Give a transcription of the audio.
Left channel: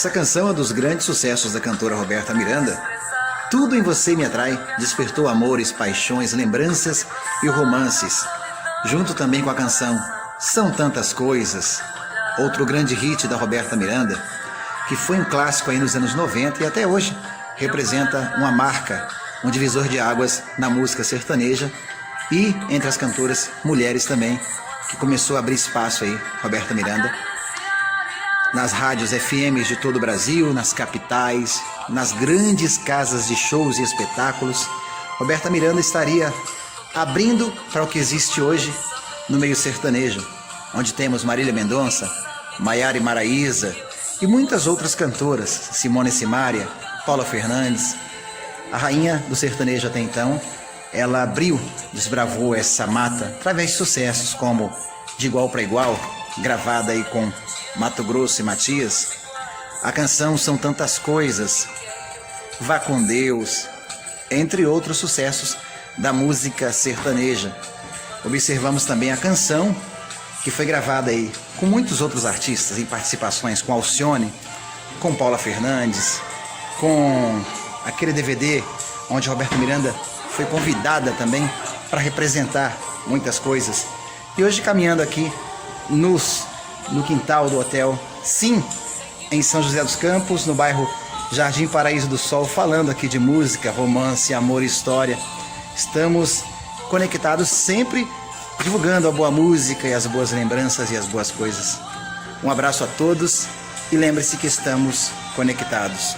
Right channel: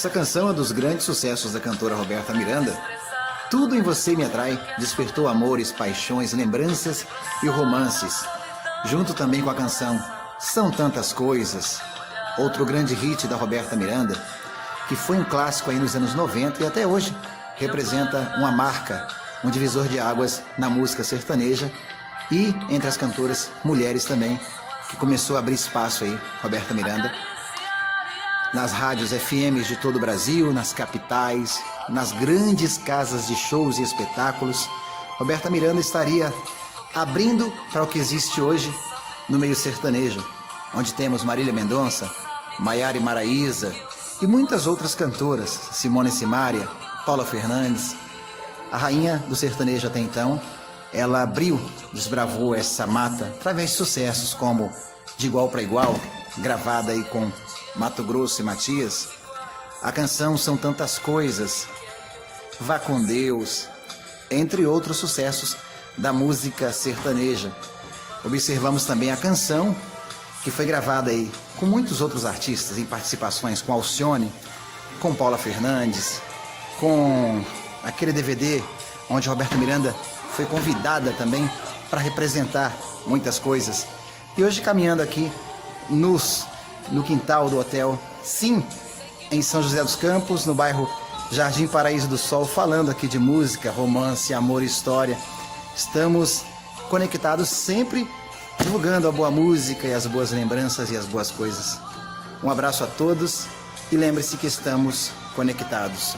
Essa canção é dos grandes sucessos da cantora Roberta Miranda. Tudo em Você Me Atrai despertou amores, paixões, lembranças e romances. Junto também com a canção São Tantas Coisas, outro grande hit da Roberta Miranda, que foi um clássico aí nos anos 90 e até hoje representa uma marca, um divisor de águas na música sertaneja e entre as cantoras mulheres também, que começou a abrir espaço aí, Roberta Miranda, nas rádios FMs de todo o Brasil, nas capitais, nas grandes casas de shows e espetáculos. Roberta Miranda estaria abrindo para o que existe hoje no meio sertanejo, onde temos Marília Mendonça, Maiara e Maraíza e muitas outras cantoras, Simone Simaria, Paula Fernandes. A rainha do sertanejo até então, ela abriu, desbravou essa mata através de sucessos como De Igual para Igual, gravada aí com Mato Grosso e Matias. A canção São Tantas Coisas, Vá com Deus, entre outros sucessos da música sertaneja. Observamos também a canção que foi gravada aí com muitos outros artistas, em participações com Alcione, com Paula Fernandes, com aquele DVD onde Roberta Miranda foi convidada também para representar muitas coisas. E hoje caminhando aqui no quintal do Hotel Sim, em São José dos Campos, no bairro Jardim Paraíso do Sol, falando aqui de música, romance, amor e história. Estamos conectados sempre, divulgando a boa música e as boas lembranças e as boas coisas. Um abraço a todos e lembre-se que estamos conectados.